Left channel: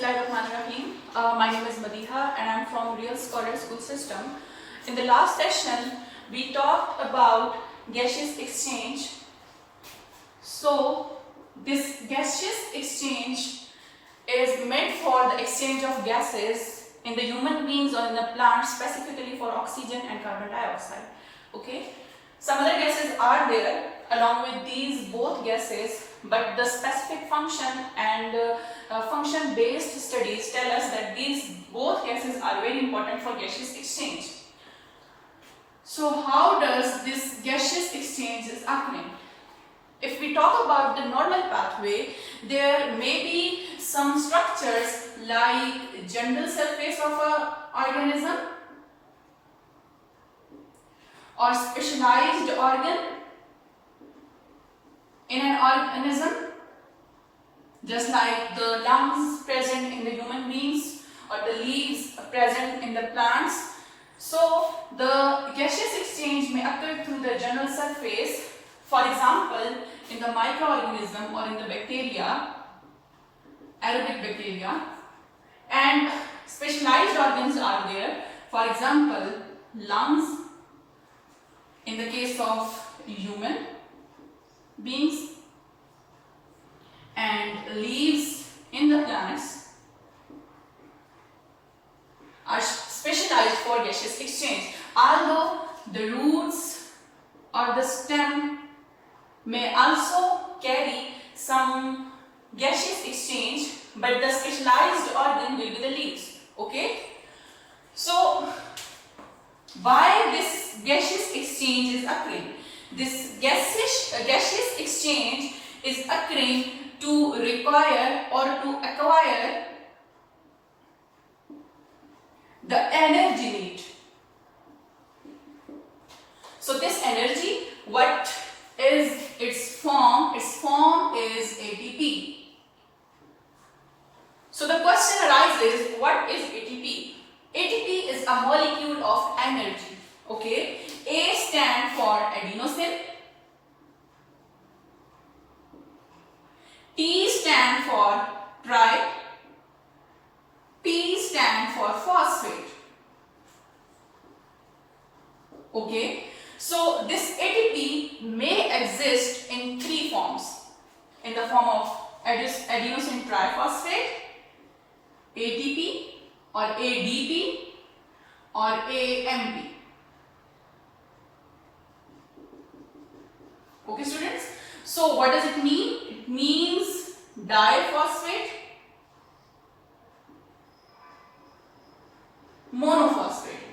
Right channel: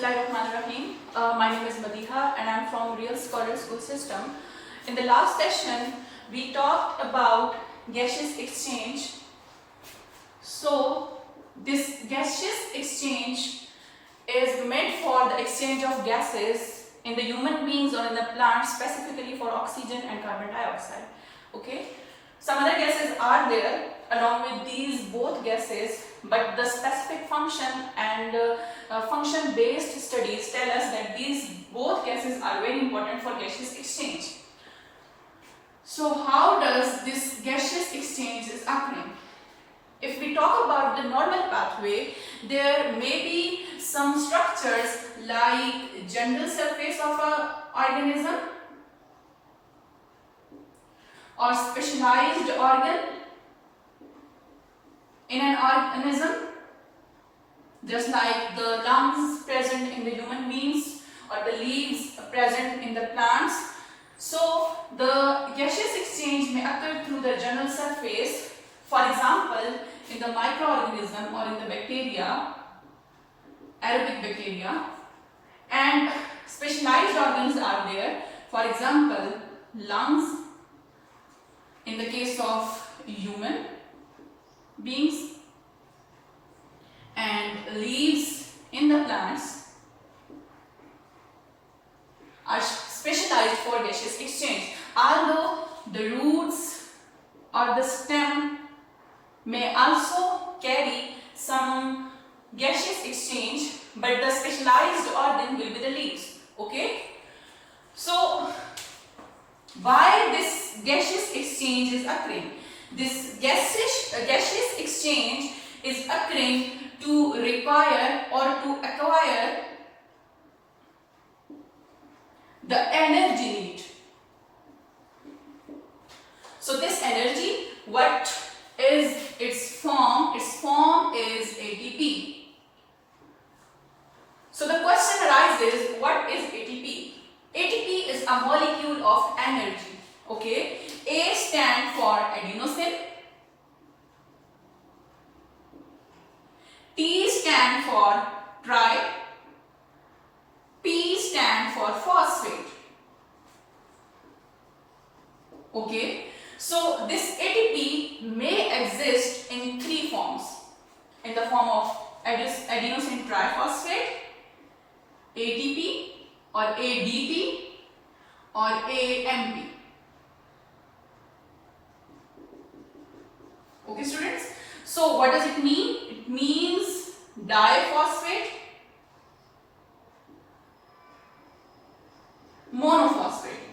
Bismillahirrahmanirrahim. My name is Madiha and I am from Real Scholar School System. In the last session, we talked about gaseous exchange. So, this gaseous exchange is made for the exchange of gases in the human beings or in the plants, specifically for oxygen and carbon dioxide. Okay. Some other gases are there along with these both gases, but the specific function and function based studies tell us that these both gases are very important for gaseous exchange. So how does this gaseous exchange is occurring? If we talk about the normal pathway, there may be some structures like general surface of an organism or specialized organ in an organism, just like the lungs present in the human beings or the leaves present in the plants. So the gaseous exchange may occur through the general surface, for example in the microorganism or in the bacteria, aerobic bacteria, and specialized organs are there, for example lungs in the case of human beings and leaves in the plants are specialized for gaseous exchange. Although the roots or the stem may also carry some gaseous exchange, but the specialized organ will be the leaves. Okay, so why this gaseous exchange is occurring? This gaseous exchange is occurring to require or to acquire the energy need. So this energy, what is its form? Its form is ATP. So the question arises, what is ATP? ATP is a molecule of energy. Okay, A stands for adenosine, T stands for tri, P stands for phosphate. Okay, so this ATP may exist in three forms, in the form of adenosine triphosphate, ATP or ADP or AMP. Okay students, so what does it mean? It means diphosphate, monophosphate.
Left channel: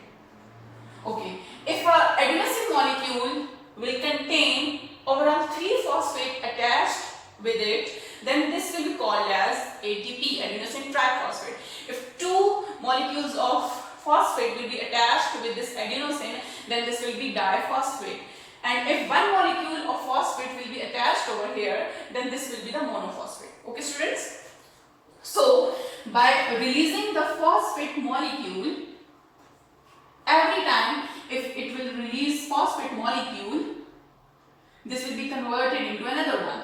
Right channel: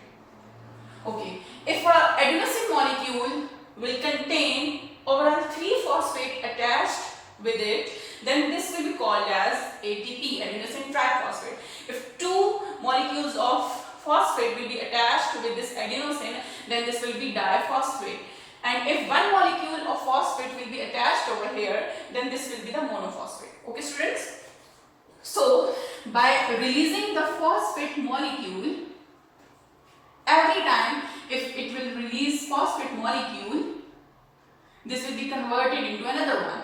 Okay, if an adenosine molecule will contain overall 3 phosphate attached with it, then this will be called as ATP, adenosine triphosphate. If 2 molecules of phosphate will be attached with this adenosine, then this will be diphosphate. And if 1 molecule of phosphate will be attached over here, then this will be the monophosphate. Okay students? So by releasing the phosphate molecule, every time if it will release phosphate molecule, this will be converted into another one.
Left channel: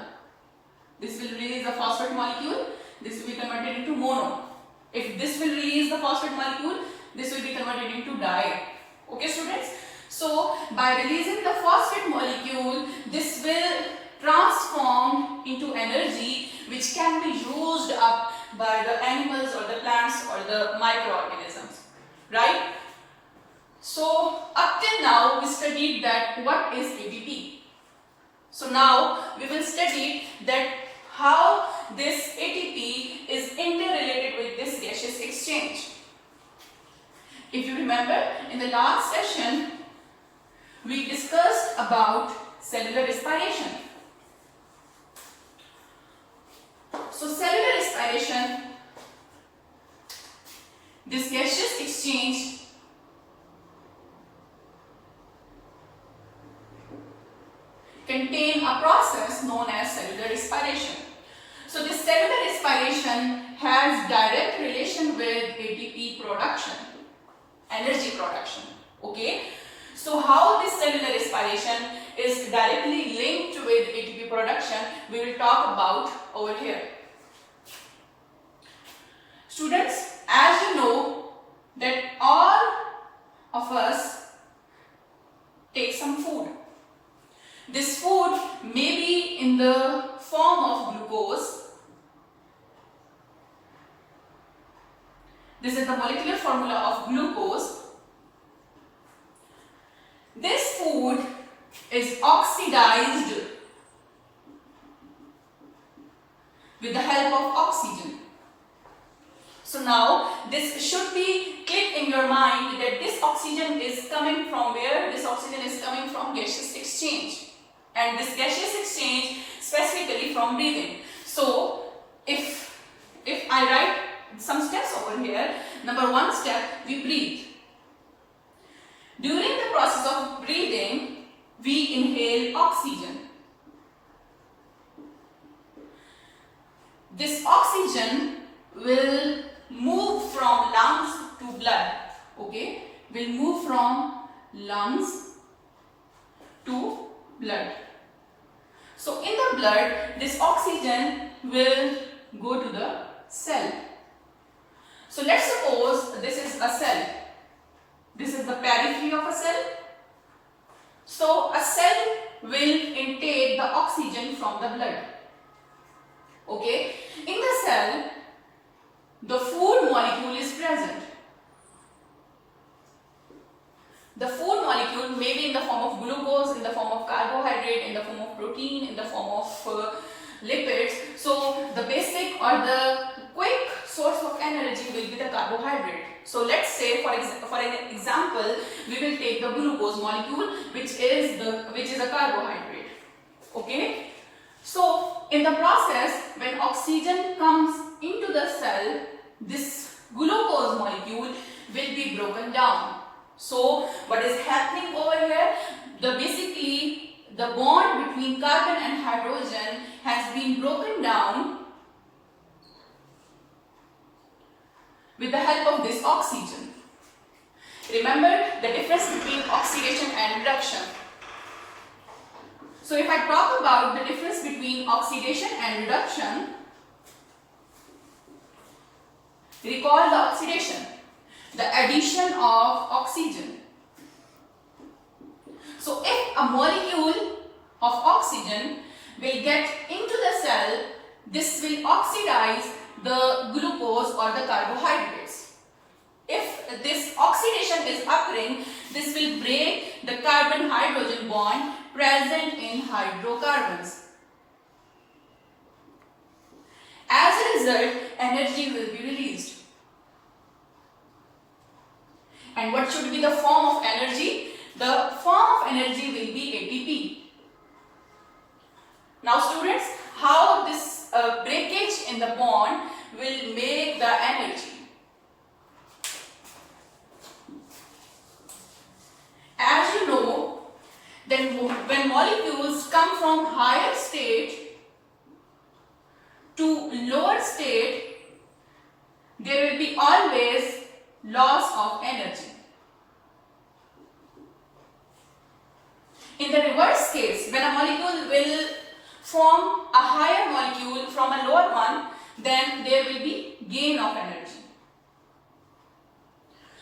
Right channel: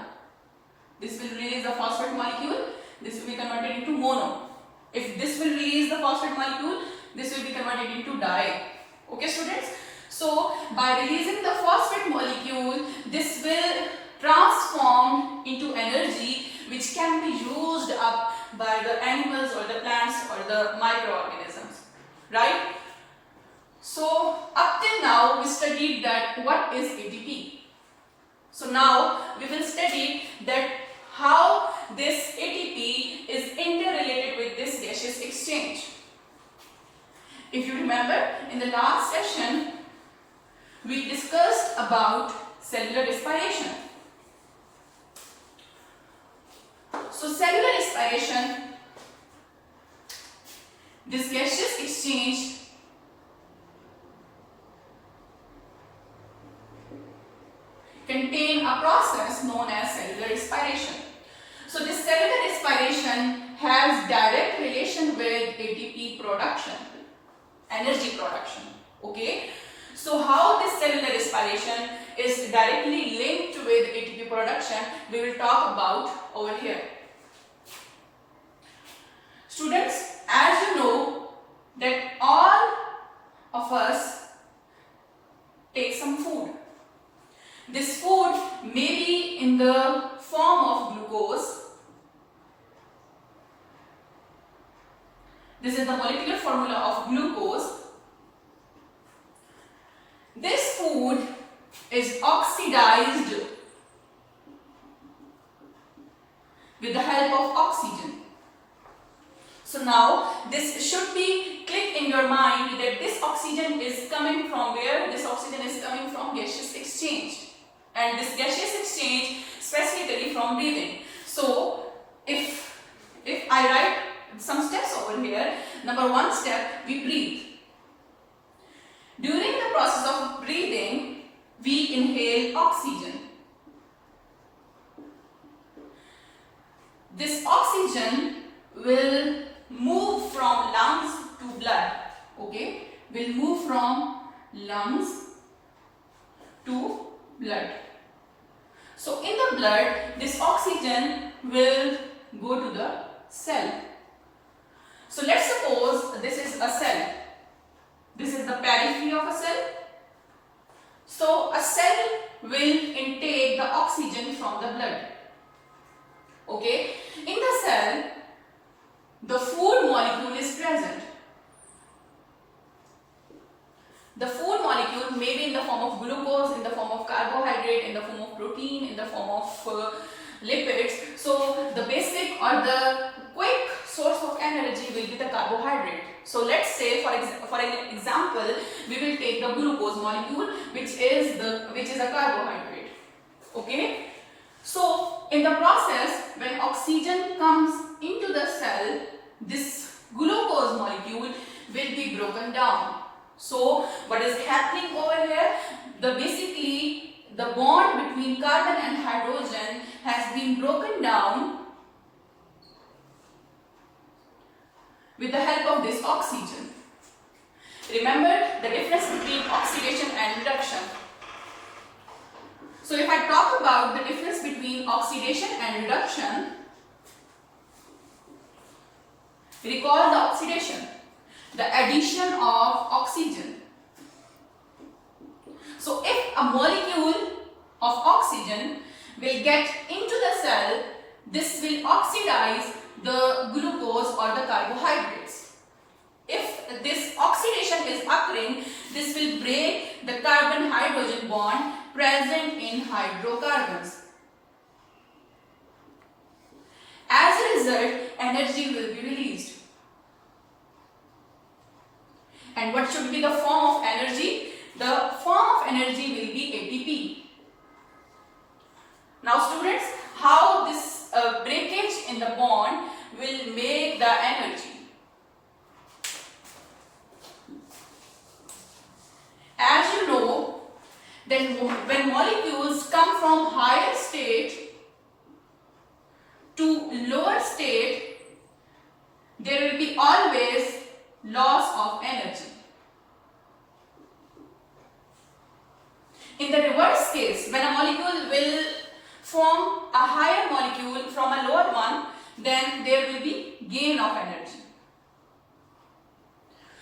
This will release the phosphate molecule, this will be converted into mono. If this will release the phosphate molecule, this will be converted into di. Okay students? So by releasing the phosphate molecule, this will transform into energy which can be used up by the animals or the plants or the microorganisms. Right? So up till now we studied that what is ATP. So now we will study that how this ATP is interrelated with this gaseous exchange. If you remember, in the last session we discussed about cellular respiration. So cellular respiration, this gaseous exchange contain a process known as cellular respiration. So this cellular respiration has direct relation with ATP production, energy production. Okay, so how this cellular respiration is directly linked with ATP production, we will talk about over here. Students, as you know that all of us take some food. This food may be in the form of glucose. This is the molecular formula of glucose. This food is oxidized with the help of oxygen. So now this should be click in your mind that this oxygen is coming from where? This oxygen is coming from gaseous exchange, and this gaseous exchange specifically from breathing. So if I write some steps over here, number 1 step, we breathe. During the process of breathing, we inhale oxygen. This oxygen will move from lungs to blood. Okay, will move from lungs to blood. So in the blood, this oxygen will go to the cell. So let's suppose this is a cell. This is the periphery of a cell. So a cell will intake the oxygen from the blood. Okay, in the cell, the food molecule is present. The food molecule may be in the form of glucose, in the form of carbohydrate, in the form of protein, in the form of lipids. So the basic or the quick source of energy will be the carbohydrate. So let's say for an example, we will take the glucose molecule, which is a carbohydrate. Okay. So in the process, when oxygen comes into the cell, this glucose molecule will be broken down. So what is happening over here? Basically the bond between carbon and hydrogen has been broken down with the help of this oxygen. Remember the difference between oxidation and reduction. So if I talk about the difference between oxidation and reduction, recall the oxidation, the addition of oxygen. So if a molecule of oxygen will get into the cell, this will oxidize the glucose or the carbohydrates. If this oxidation is occurring, this will break the carbon-hydrogen bond present in hydrocarbons. As a result, energy will be released. And what should be the form of energy? The form of energy will be ATP. Now students, how this breakage in the bond will make the energy? As you know, then when molecules come from higher state to lower state, there will be always loss of energy. In the reverse case, when a molecule will form a higher molecule from a lower one, then there will be gain of energy.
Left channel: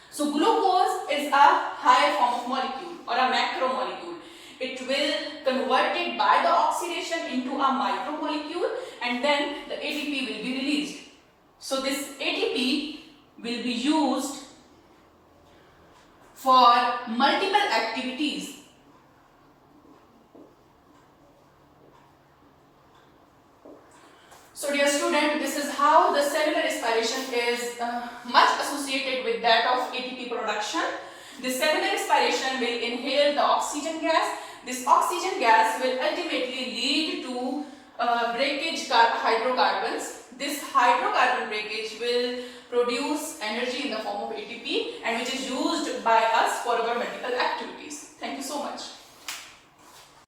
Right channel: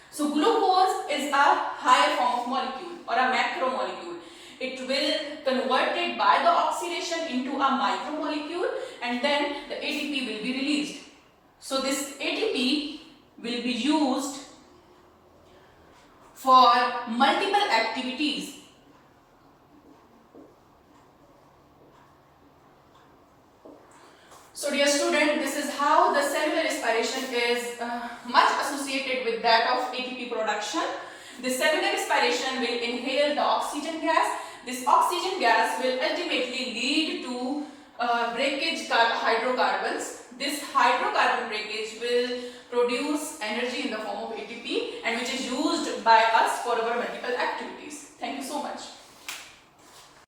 So glucose is a higher form of molecule or a macromolecule. It will convert it by the oxidation into a micromolecule, and then the ATP will be released. So this ATP will be used for multiple activities. So dear student, this is how the cellular respiration is much associated with that of ATP production. The cellular respiration will inhale the oxygen gas. This oxygen gas will ultimately lead to breakage hydrocarbons. This hydrocarbon breakage will produce energy in the form of ATP, and which is used by us for our multiple activities. Thank you so much.